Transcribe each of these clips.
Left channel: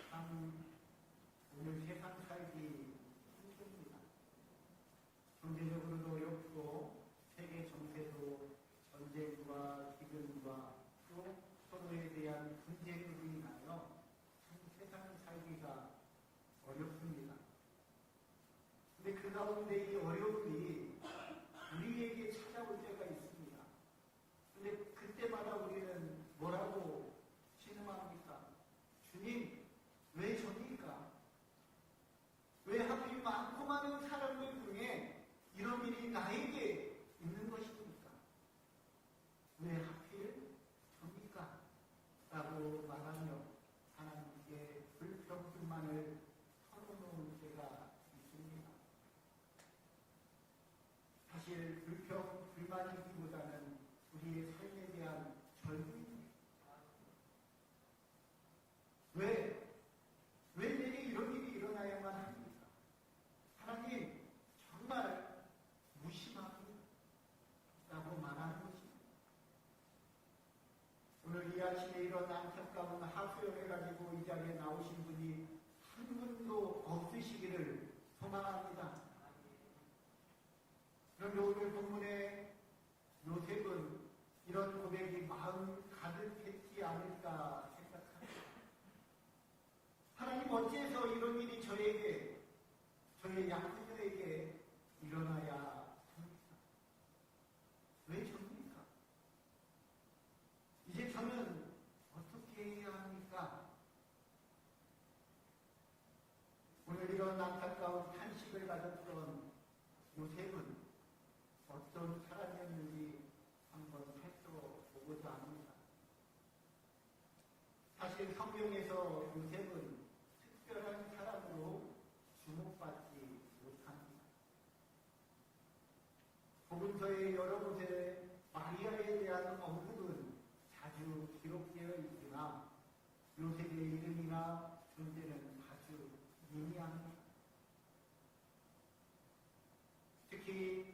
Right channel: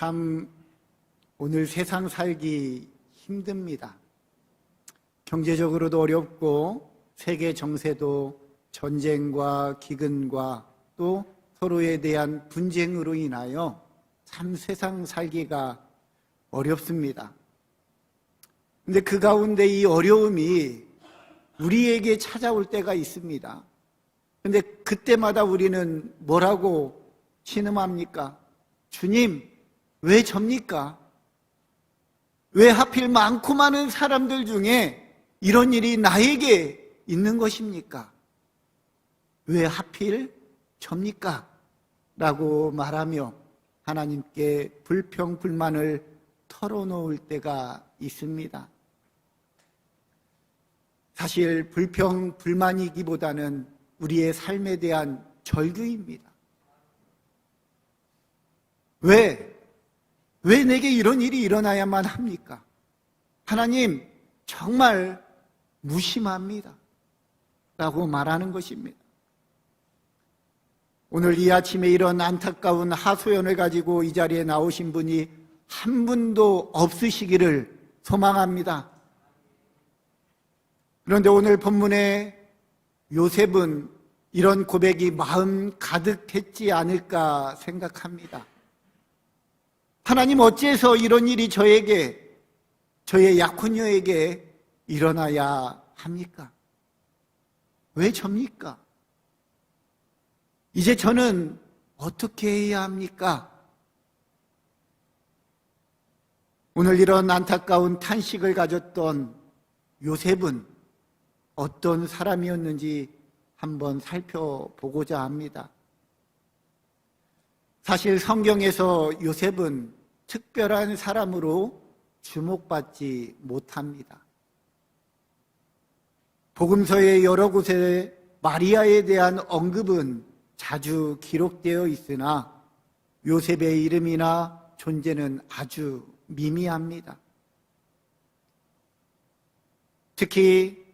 참 오늘 세상 살기 힘듭니다. 경제적으로도 어렵고 세계 정세도 전쟁과 기근과 또 서로에 대한 분쟁으로 인하여 참 세상 살기가 어렵습니다. 근데 그 가운데 이 어려움이 우리에게 찾아올 때가 있습니다. 근데 그때마다 우리는 뭐라고 신음합니까? 주님, 왜 접니까? 왜 하필 많고 많은 사람들 중에 이런 일이 나에게 있는 것입니까? 왜 하필 접니까? 라고 말하며 하나님께 불평, 불만을 털어놓을 때가 있습니다. 사실 불평, 불만이기보다는 우리의 삶에 대한 절규입니다. 왜 내게 이런 일이 일어나야만 합니까? 하나님, 정말 무심합니다. 라고 말하는 것입니다. 오늘 이 아침에 이런 안타까운 하소연을 가지고 이 자리에 나오신 분이 한 분도 없으시기를 소망합니다. 그런데 오늘 본문에 요셉은 이런 고백이 마음 가득했지 않을까 생각합니다. 하나님, 어째서 이런 일이 저에게, 저의 약혼녀에게 일어나야 합니까? 왜 접니까? 이제 저는 어떻게 해야 합니까? 오늘 이런 안타까운 탄식을 가졌던 요셉은 어떤 사람이었는지 한번 살펴보고자 합니다. 사실 성경에서 요셉은 특별한 사람으로 주목받지 못합니다. 복음서의 여러 곳에 마리아에 대한 언급은 자주 기록되어 있으나 요셉의 이름이나 존재는 아주 미미합니다. 특히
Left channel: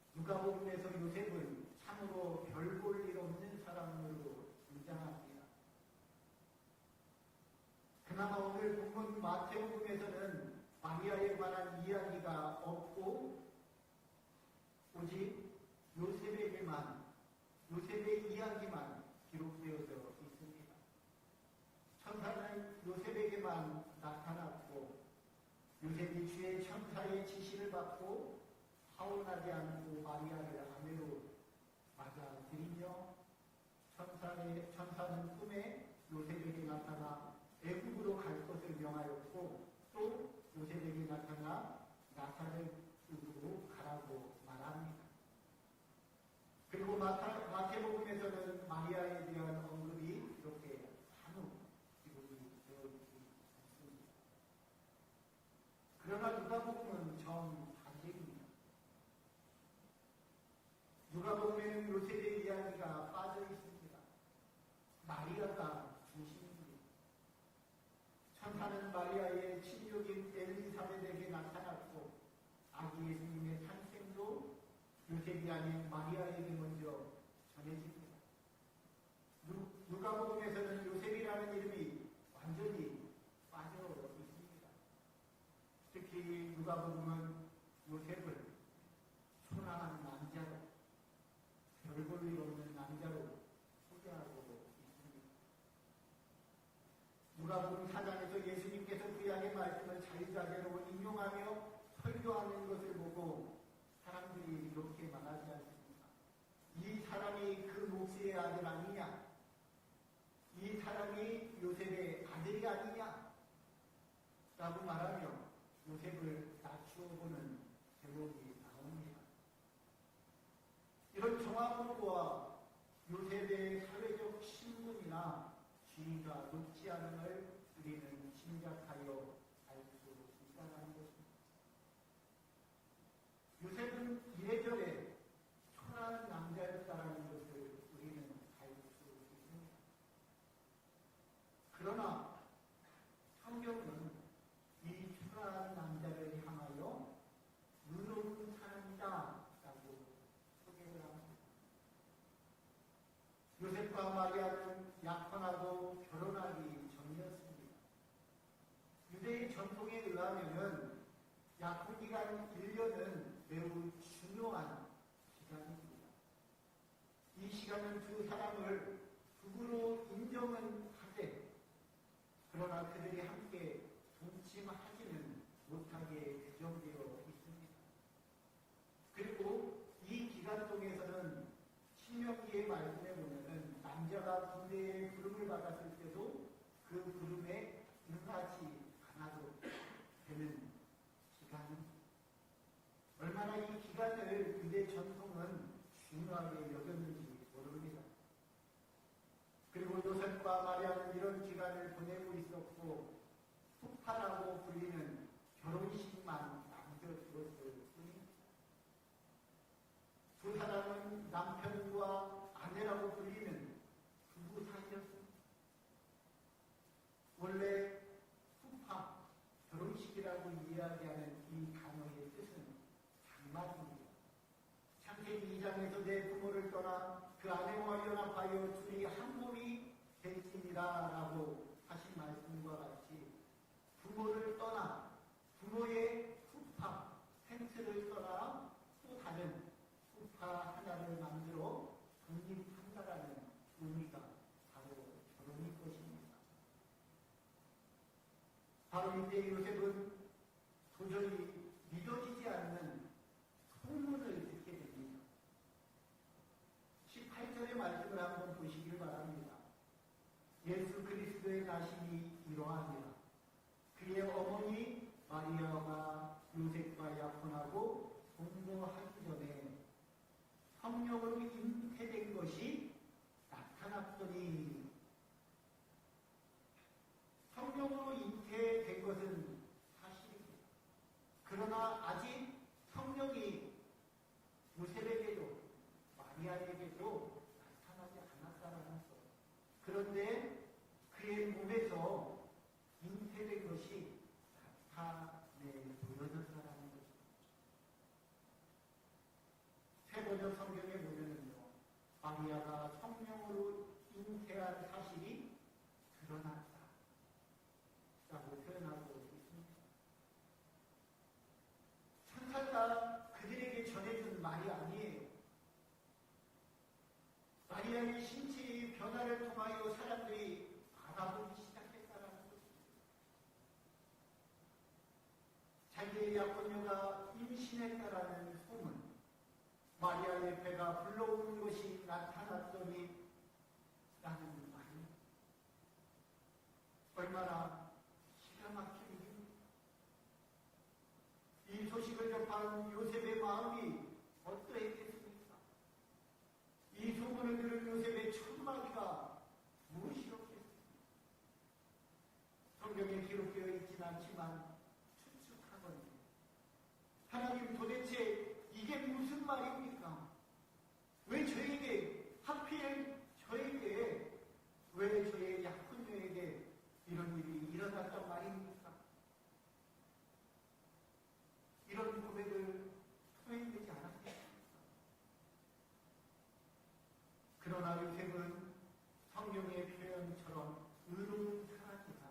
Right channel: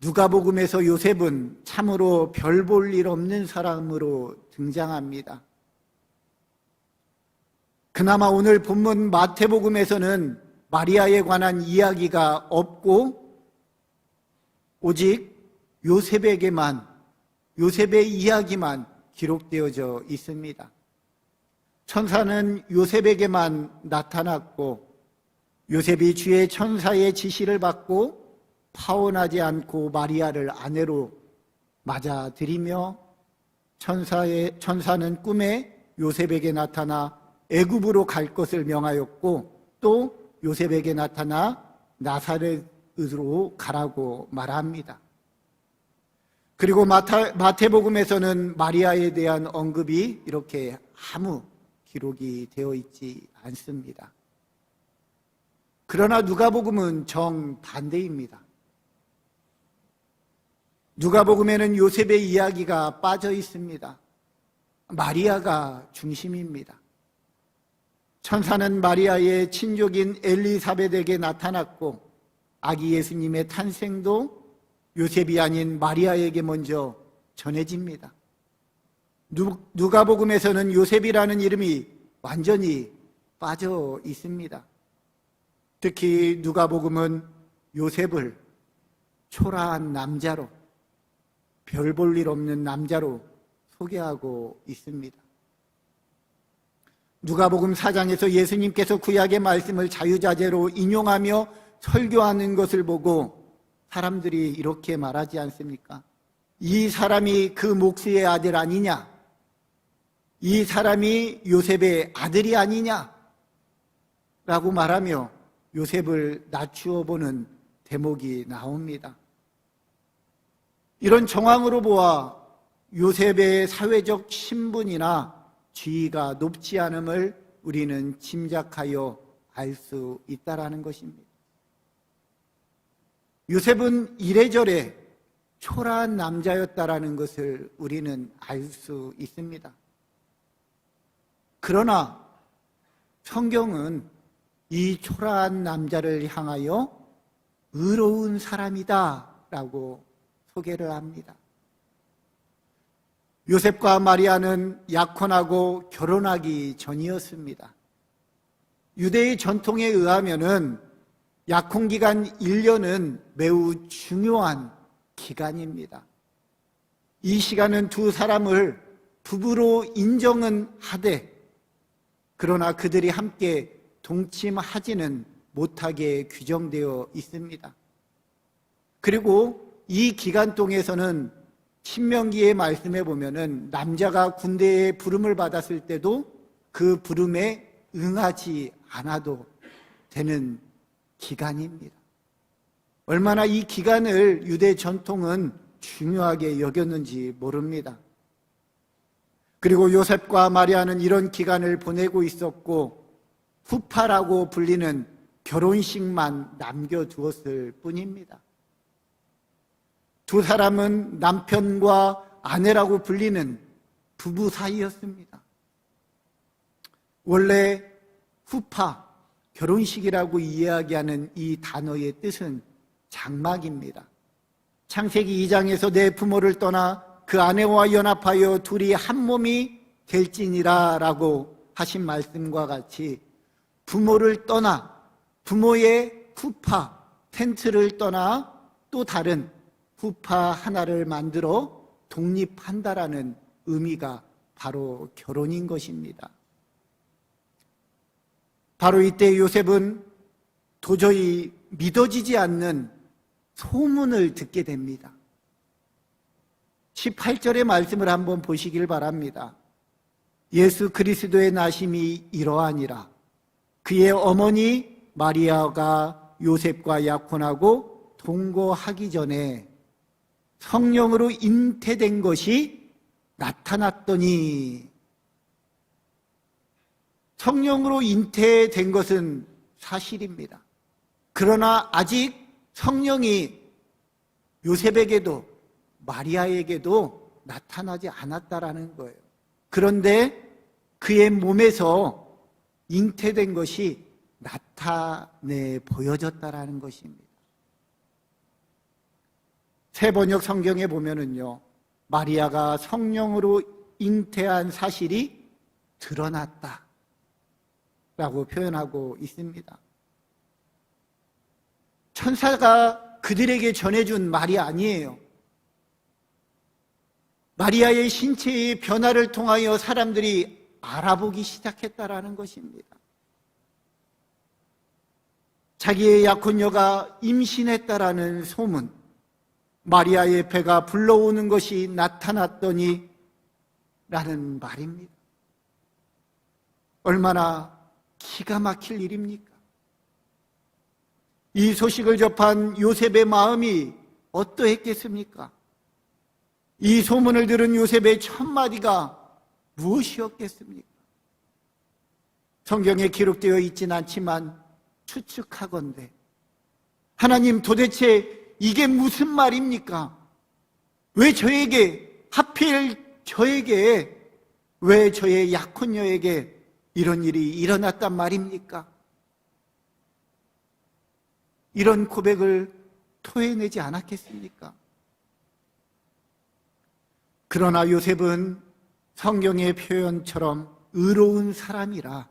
누가복음에서 요셉은 참으로 별 볼 일 없는 사람으로 등장합니다. 그나마 오늘 본문 마태복음에서는 마리아에 관한 이야기가 없고 오직 요셉의 이야기만 기록되어져 있습니다. 천사는 요셉에게만 나타났고 요셉이 주의 천사의 지시를 받고 파혼하지 않고 마리아를 아내로 맞아들이며 천사는 꿈에 요셉에게 나타나 애굽으로 갈 것을 명하였고 또 요셉에게 나타나 나사렛으로 가라고 말합니다. 그리고 마태복음에서는 마리아에 대한 언급이 이렇게 아무 기록이 되어 있지 않습니다. 그러나 누가복음은 정반대입니다. 누가복음에는 요셉의 이야기가 빠져 있습니다. 마리아가 중심입니다. 천사는 마리아의 친족인 엘리사벳에게 나타났고 아기 예수님의 탄생도 요셉이 아닌 마리아에게 먼저 전해집니다. 누가복음에서는 요셉이라는 이름이 완전히 빠져 있습니다. 특히 누가복음은 요셉을 초라한 남자로, 별 볼 일 없는 남자로 소개하고 있습니다. 누가복음 4장에서 예수님께서 구약의 말씀을 자유자재로 인용하며 설교하는 것을 보고 사람들이 이렇게 말하지 않습니까? 이 사람이 그 목수의 아들 아니냐? 이 사람이 요셉의 아들이 아니냐? 라고 말하며 요셉을 낮추어 보는 대목이 나옵니다. 이런 정황으로 보아 요셉의 사회적 신분이나 지위가 높지 않음을 우리는 짐작하여 알 수 있다라는 것입니다. 요셉은 이래저래 초라한 남자였다라는 것을 우리는 알 수 있습니다. 그러나 성경은 이 초라한 남자를 향하여 의로운 사람이다 라고 소개를 합니다. 요셉과 마리아는 약혼하고 결혼하기 전이었습니다. 유대의 전통에 의하면은 약혼기간 1년은 매우 중요한 기간입니다. 이 시간은 두 사람을 부부로 인정은 하되 그러나 그들이 함께 동침하지는 못하게 규정되어 있습니다. 그리고 이 기간 동에서는 신명기의 말씀에 보면은 남자가 군대에 부름을 받았을 때도 그 부름에 응하지 않아도 되는 기간입니다. 얼마나 이 기간을 유대 전통은 중요하게 여겼는지 모릅니다. 그리고 요셉과 마리아는 이런 기간을 보내고 있었고 후파라고 불리는 결혼식만 남겨두었을 뿐입니다. 두 사람은 남편과 아내라고 불리는 부부 사이였습니다. 원래 후파, 결혼식이라고 이야기하는 이 단어의 뜻은 장막입니다. 창세기 2장에서 내 부모를 떠나 그 아내와 연합하여 둘이 한 몸이 될지니라 라고 하신 말씀과 같이 부모를 떠나 부모의 후파, 텐트를 떠나 또 다른 후파 하나를 만들어 독립한다라는 의미가 바로 결혼인 것입니다. 바로 이때 요셉은 도저히 믿어지지 않는 소문을 듣게 됩니다. 18절의 말씀을 한번 보시길 바랍니다. 예수 그리스도의 나심이 이러하니라. 그의 어머니 마리아가 요셉과 약혼하고 동거하기 전에 성령으로 잉태된 것이 나타났더니, 성령으로 잉태된 것은 사실입니다. 그러나 아직 성령이 요셉에게도 마리아에게도 나타나지 않았다라는 거예요. 그런데 그의 몸에서 잉태된 것이 나타내 보여졌다라는 것입니다. 새 번역 성경에 보면은요, 마리아가 성령으로 잉태한 사실이 드러났다 라고 표현하고 있습니다. 천사가 그들에게 전해준 말이 아니에요. 마리아의 신체의 변화를 통하여 사람들이 알아보기 시작했다라는 것입니다. 자기의 약혼녀가 임신했다라는 소문, 마리아의 배가 불러오는 것이 나타났더니 라는 말입니다. 얼마나 기가 막힐 일입니까? 이 소식을 접한 요셉의 마음이 어떠했겠습니까? 이 소문을 들은 요셉의 첫 마디가 무엇이었겠습니까? 성경에 기록되어 있지는 않지만 추측하건대 하나님, 도대체 이게 무슨 말입니까? 왜 저에게, 하필 저에게, 왜 저의 약혼녀에게 이런 일이 일어났단 말입니까? 이런 고백을 토해내지 않았겠습니까? 그러나 요셉은 성경의 표현처럼 의로운 사람이라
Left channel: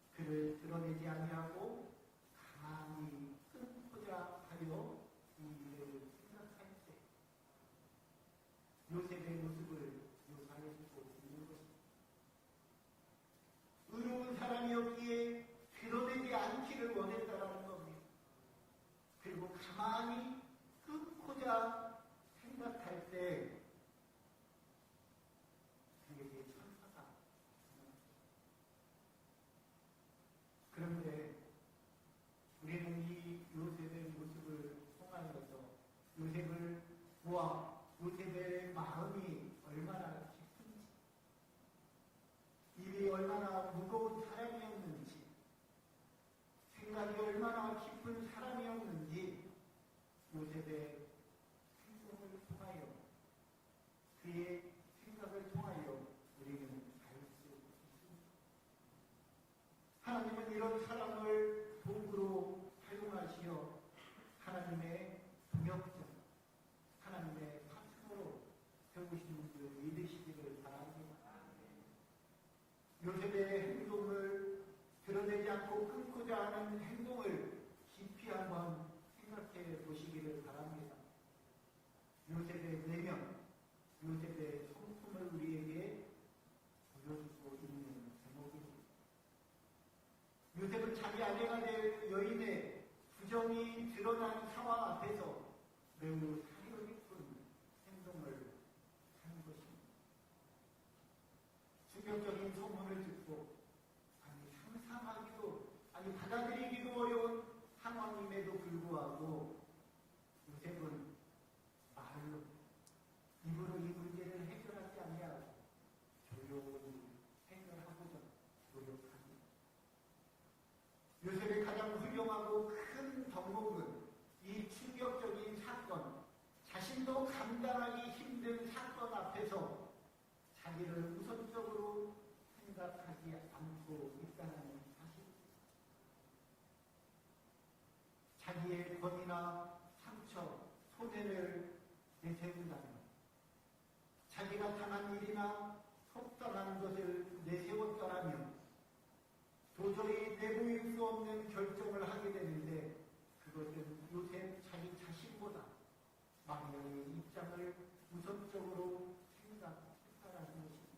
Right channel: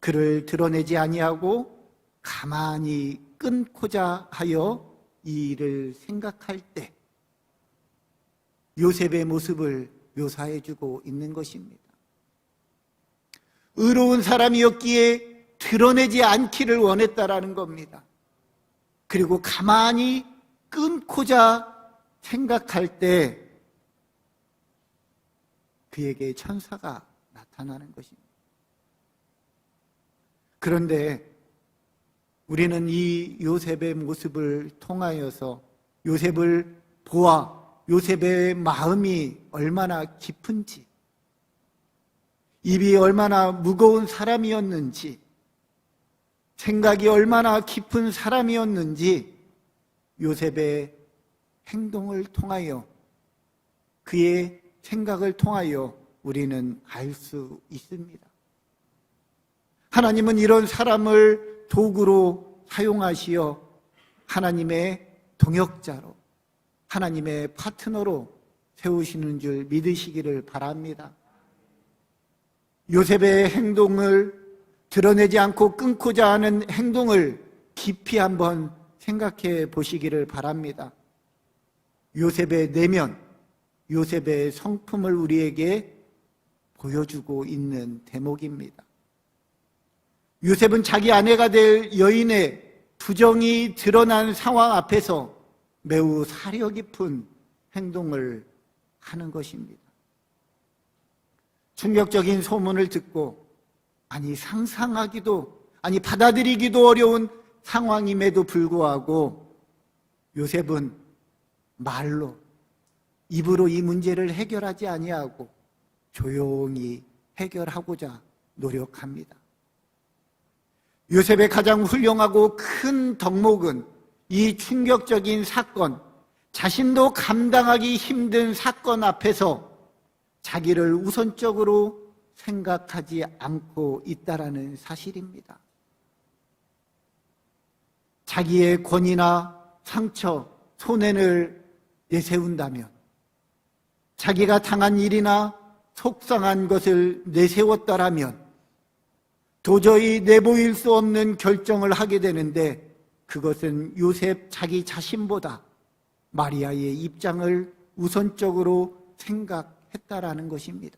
그를 드러내지 아니하고 가만히 끊고자 하여 이 일을 생각할 때 요셉의 모습을 묘사해주고 있는 것입니다. 의로운 사람이었기에 드러내지 않기를 원했다라는 겁니다. 그리고 가만히 끊고자 생각할 때 그에게 천사가 나타나는 것입니다. 그런데 우리는 이 요셉의 모습을 통하여서 요셉을 보아 요셉의 마음이 얼마나 깊은지, 입이 얼마나 무거운 사람이었는지, 생각이 얼마나 깊은 사람이었는지 요셉의 행동을 통하여, 그의 생각을 통하여 우리는 알 수 있습니다. 하나님은 이런 사람을 도구로 사용하시어 하나님의 동역자로, 하나님의 파트너로 세우시는 줄 믿으시기를 바랍니다. 요셉의 행동을 드러내지 않고 끊고자 하는 행동을 깊이 한번 생각해 보시기를 바랍니다. 요셉의 내면, 요셉의 성품을 우리에게 보여주고 있는 대목입니다. 요셉은 자기 아내가 될 여인의 부정이 드러난 상황 앞에서 매우 사려 깊은 행동을 하는 것입니다. 충격적인 소문을 듣고 상상하기도 받아들이기도 어려운 상황임에도 불구하고 요셉은 말로 입으로 이 문제를 해결하지 아니하고 조용히 해결하고자 노력합니다. 요셉의 가장 훌륭하고 큰 덕목은 이 충격적인 사건, 자신도 감당하기 힘든 사건 앞에서 자기를 우선적으로 생각하지 않고 있다라는 사실입니다. 자기의 권위나 상처, 손해를 내세운다면, 자기가 당한 일이나 속상한 것을 내세웠더라면 도저히 내보일 수 없는 결정을 하게 되는데, 그것은 요셉 자기 자신보다 마리아의 입장을 우선적으로 생각했다라는 것입니다.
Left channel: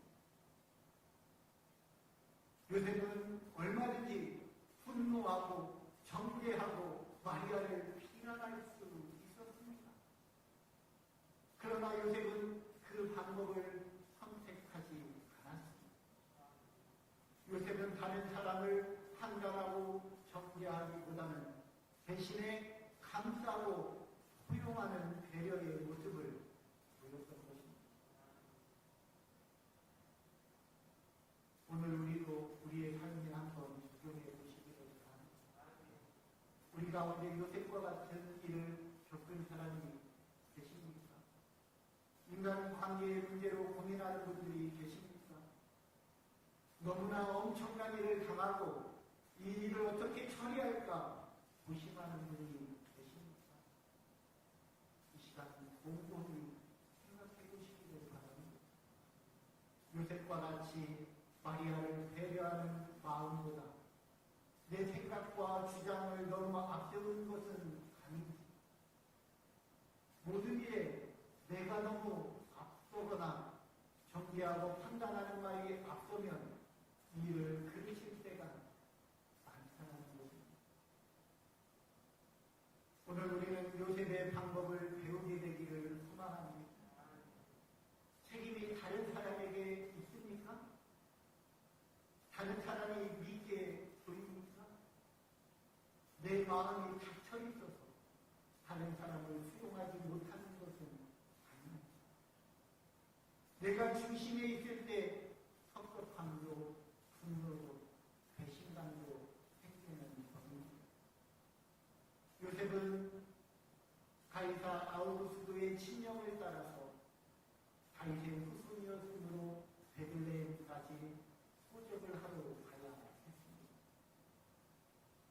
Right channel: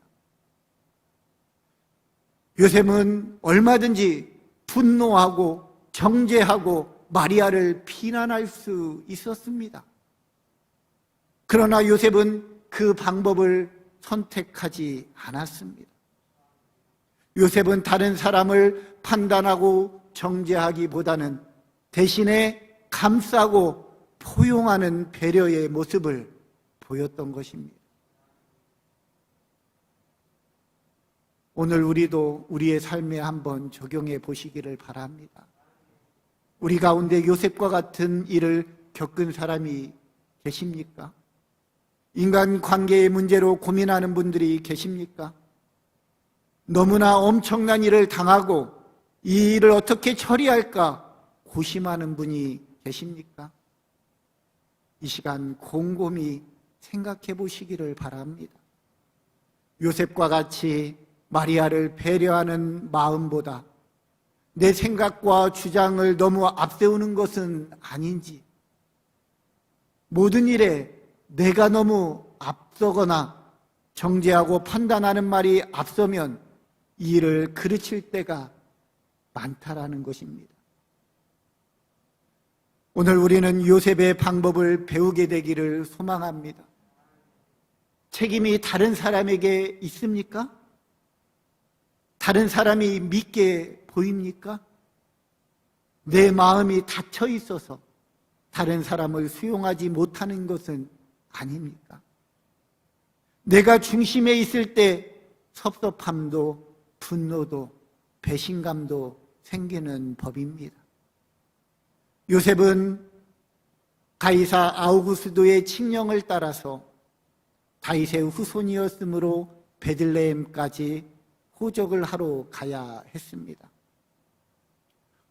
요셉은 얼마든지 분노하고 정죄하고 마리아를 비난할 수 있었습니다. 그러나 요셉은 그 방법을 선택하지 않았습니다. 요셉은 다른 사람을 판단하고 정죄하기보다는 대신에 감싸고 포용하는 배려의 모습을 보였던 것입니다. 오늘 우리도 우리의 삶에 한번 적용해 보시기를 바랍니다. 우리 가운데 요셉과 같은 일을 겪은 사람이 계십니까? 인간관계의 문제로 고민하는 분들이 계십니까? 너무나 엄청난 일을 당하고 이 일을 어떻게 처리할까 고심하는 분이 계십니까? 이 시간 곰곰이 생각해 보시기를 바랍니다. 요셉과 같이 마리아를 배려하는 마음보다 내 생각과 주장을 너무 앞세우는 것은 아닌지, 모든 일에 내가 너무 앞서거나 정죄하고 판단하는 말이 앞서면 이 일을 그르칠 때가 많다라는 것입니다. 오늘 우리는 요셉의 방법을 배우게 되기를 소망합니다. 책임이 다른 사람에게 있습니까? 다른 사람이 믿게 보입니까? 내 마음이 닫혀 있어서 다른 사람을 수용하지 못하는 것은 아닙니까? 내가 중심에 있을 때 섭섭함도 분노도 배신감도 생기는 법입니다. 요셉은 가이사 아우구스도의 칙령을 따라서 다윗의 후손이었으므로 베들레헴까지 호적을 하러 가야 했습니다.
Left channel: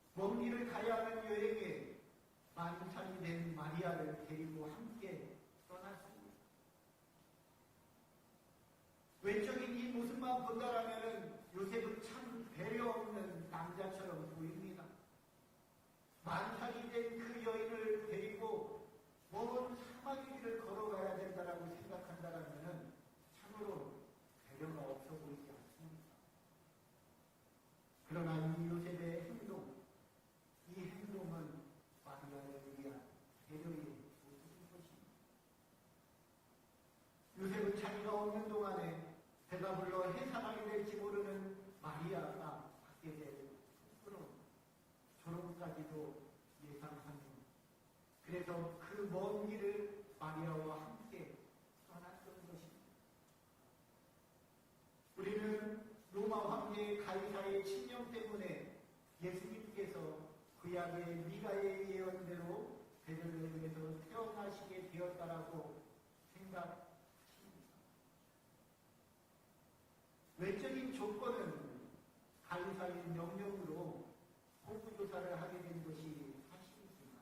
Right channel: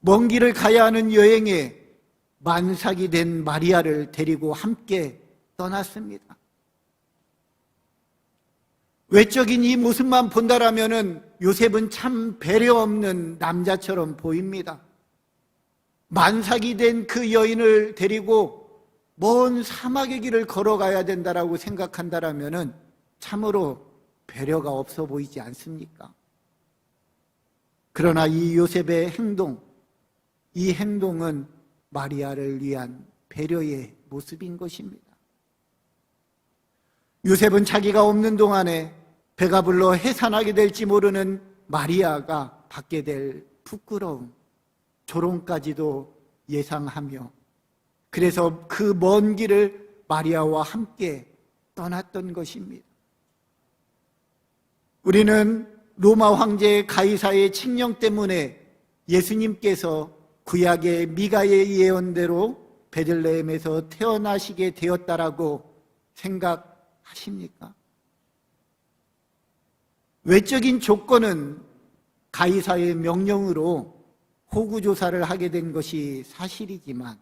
먼 길을 가야 하는 여행에 만삭이 된 마리아를 데리고 함께 떠났습니다. 외적인 이 모습만 본다라면은 요셉은 참 배려 없는 남자처럼 보입니다. 만삭이 된 그 여인을 데리고 먼 사막의 길을 걸어가야 된다라고 생각한다라면은 참으로 배려가 없어 보이지 않습니까? 그러나 이 요셉의 행동, 이 행동은 마리아를 위한 배려의 모습인 것입니다. 요셉은 자기가 없는 동안에 배가 불러 해산하게 될지 모르는 마리아가 받게 될 부끄러움, 조롱까지도 예상하며 그래서 그 먼 길을 마리아와 함께 떠났던 것입니다. 우리는 로마 황제 가이사의 칙령 때문에 예수님께서 구약의 미가의 예언대로 베들레헴에서 태어나시게 되었다라고 생각하십니까? 외적인 조건은 가이사의 명령으로 호구조사를 하게 된 것이 사실이지만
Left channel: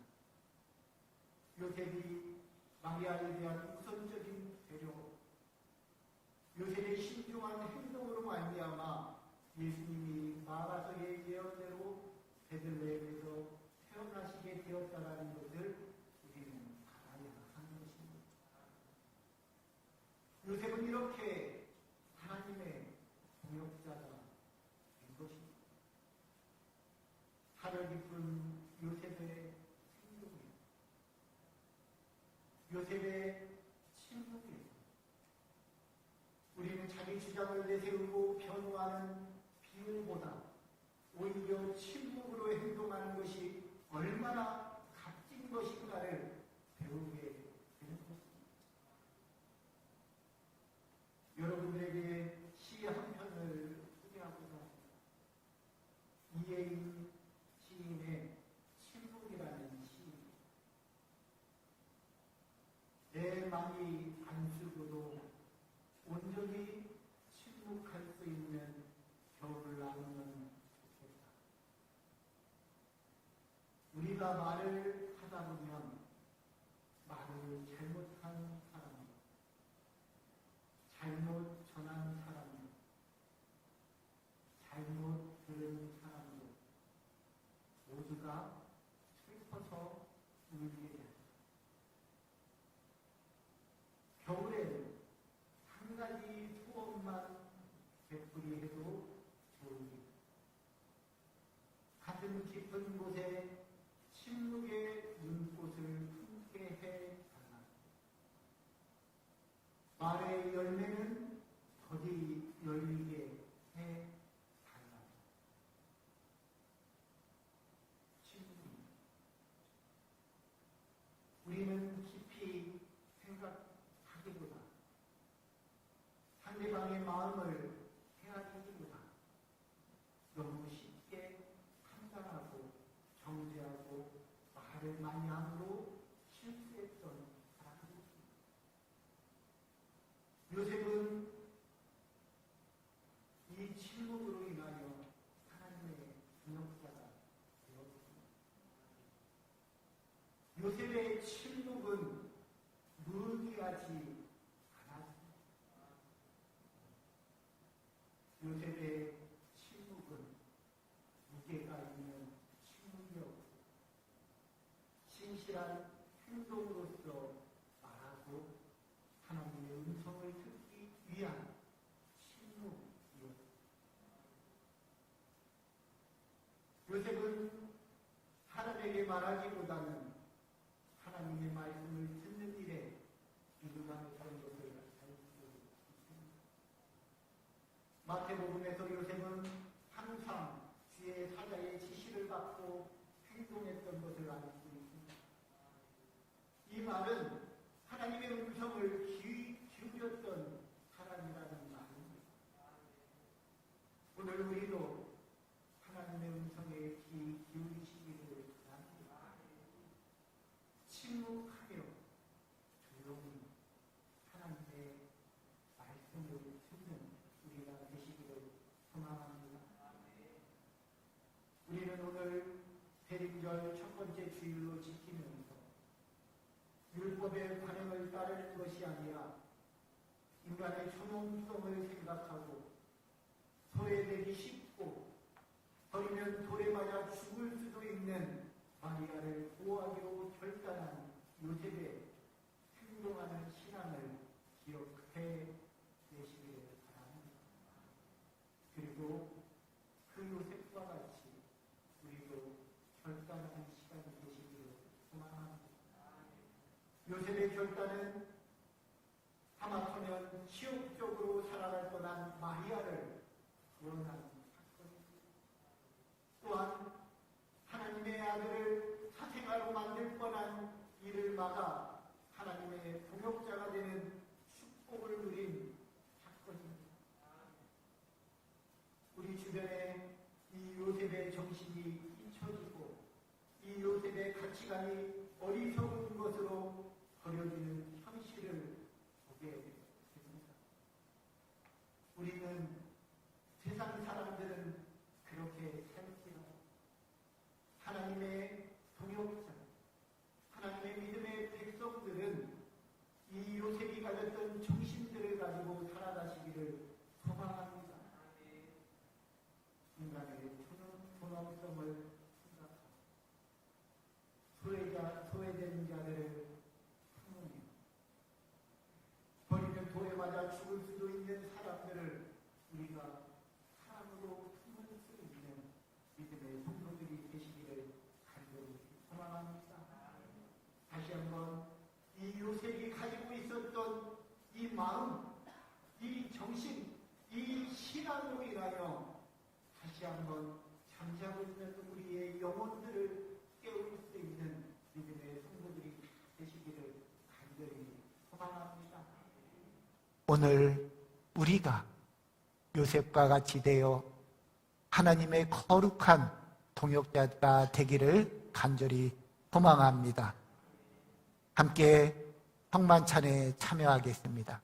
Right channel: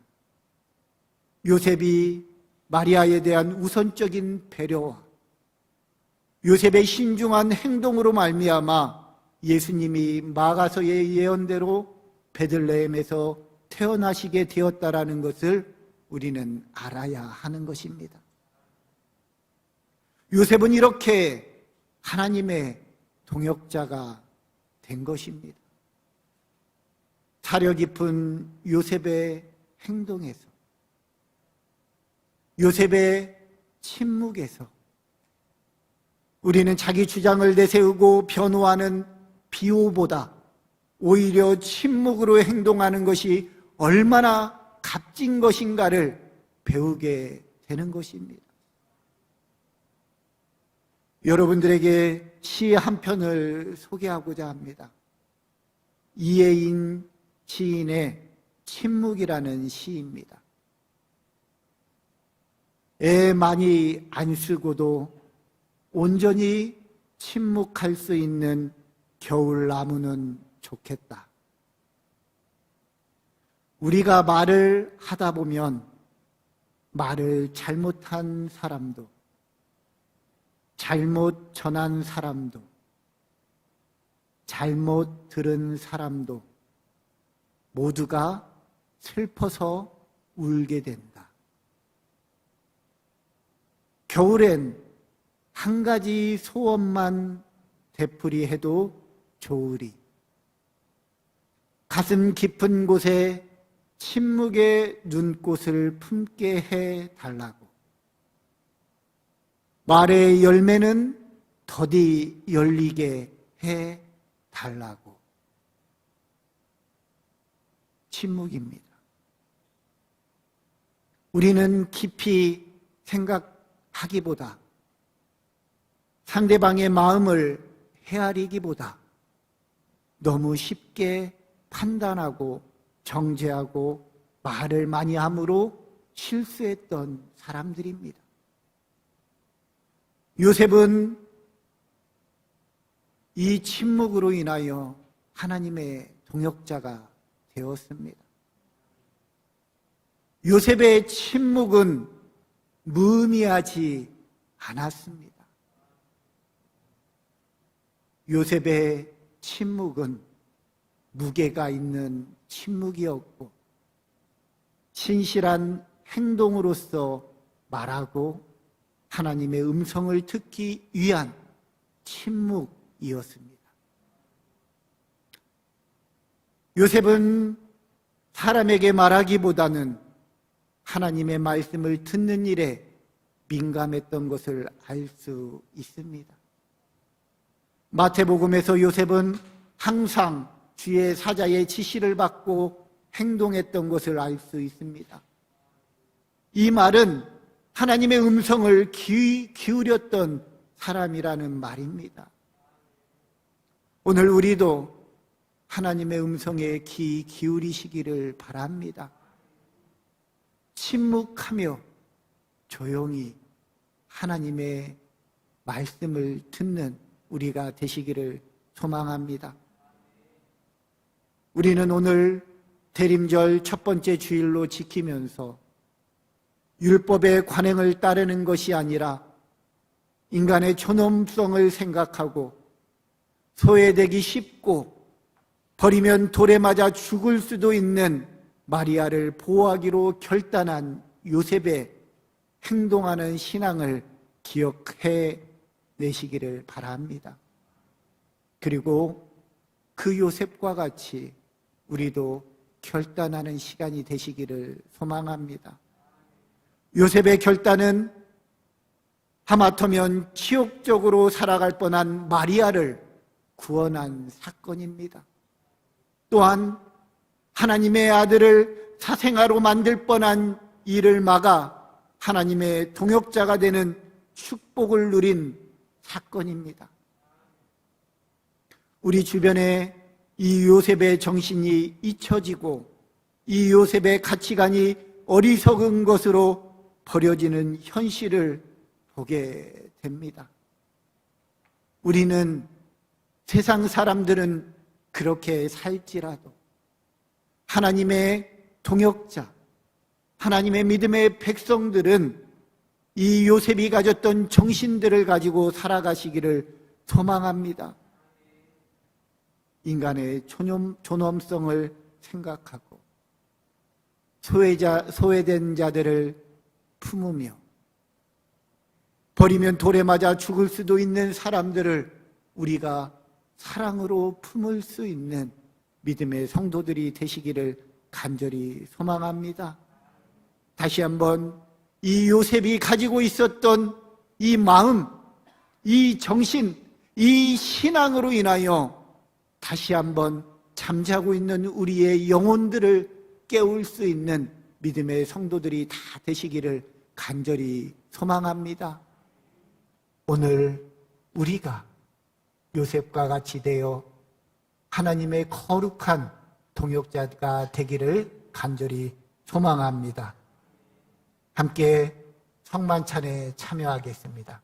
요셉이 마리아에 대한 우선적인 배려와 요셉의 신중한 행동으로 말미암아 예수님이 마가서의 예언대로 베들레헴에서 태어나시게 되었다라는 것을 우리는 알아야 하는 것입니다. 요셉은 이렇게 하나님의 동역자가 된 것입니다. 사려 깊은 요셉의 행동에서, 요셉의 침묵에서 우리는 자기 주장을 내세우고 변호하는 비호보다 오히려 침묵으로 행동하는 것이 얼마나 값진 것인가를 배우게 되는 것입니다. 여러분들에게 시 한 편을 소개하고자 합니다. 이혜인 시인의 침묵이라는 시입니다. 애 많이 안 쓰고도 온전히 침묵할 수 있는 겨울나무는 좋겠다. 우리가 말을 하다 보면 말을 잘못한 사람도, 잘못 전한 사람도, 잘못 들은 사람도 모두가 슬퍼서 울게 된다. 겨울엔 한 가지 소원만 되풀이해도 좋으리. 가슴 깊은 곳에 침묵의 눈꽃을 품게 해달라고. 말의 열매는 더디 열리게 해달라고. 침묵입니다. 우리는 깊이 생각하기보다, 상대방의 마음을 헤아리기보다 너무 쉽게 판단하고 정죄하고 말을 많이 함으로 실수했던 사람들입니다. 요셉은 이 침묵으로 인하여 하나님의 동역자가 되었습니다. 요셉의 침묵은 무의미하지 않았습니다. 요셉의 침묵은 무게가 있는 침묵이었고, 신실한 행동으로서 말하고 하나님의 음성을 듣기 위한 침묵이었습니다. 요셉은 사람에게 말하기보다는 하나님의 말씀을 듣는 일에 민감했던 것을 알 수 있습니다. 마태복음에서 요셉은 항상 주의 사자의 지시를 받고 행동했던 것을 알 수 있습니다. 이 말은 하나님의 음성을 귀 기울였던 사람이라는 말입니다. 오늘 우리도 하나님의 음성에 귀 기울이시기를 바랍니다. 침묵하며 조용히 하나님의 말씀을 듣는 우리가 되시기를 소망합니다. 우리는 오늘 대림절 첫 번째 주일로 지키면서 율법의 관행을 따르는 것이 아니라 인간의 존엄성을 생각하고 소외되기 쉽고 버리면 돌에 맞아 죽을 수도 있는 마리아를 보호하기로 결단한 요셉의 행동하는 신앙을 기억해 내시기를 바랍니다. 그리고 그 요셉과 같이 우리도 결단하는 시간이 되시기를 소망합니다. 요셉의 결단은 하마터면 치욕적으로 살아갈 뻔한 마리아를 구원한 사건입니다. 또한 하나님의 아들을 사생아로 만들 뻔한 일을 막아 하나님의 동역자가 되는 축복을 누린 사건입니다. 우리 주변에 이 요셉의 정신이 잊혀지고 이 요셉의 가치관이 어리석은 것으로 버려지는 현실을 보게 됩니다. 우리는 세상 사람들은 그렇게 살지라도 하나님의 동역자, 하나님의 믿음의 백성들은 이 요셉이 가졌던 정신들을 가지고 살아가시기를 소망합니다. 인간의 존엄성을 생각하고 소외된 자들을 품으며 버리면 돌에 맞아 죽을 수도 있는 사람들을 우리가 사랑으로 품을 수 있는 믿음의 성도들이 되시기를 간절히 소망합니다. 다시 한번 이 요셉이 가지고 있었던 이 마음, 이 정신, 이 신앙으로 인하여 다시 한번 잠자고 있는 우리의 영혼들을 깨울 수 있는 믿음의 성도들이 다 되시기를 간절히 소망합니다. 오늘 우리가 요셉과 같이 되어 하나님의 거룩한 동역자가 되기를 간절히 소망합니다. 함께 성만찬에 참여하겠습니다.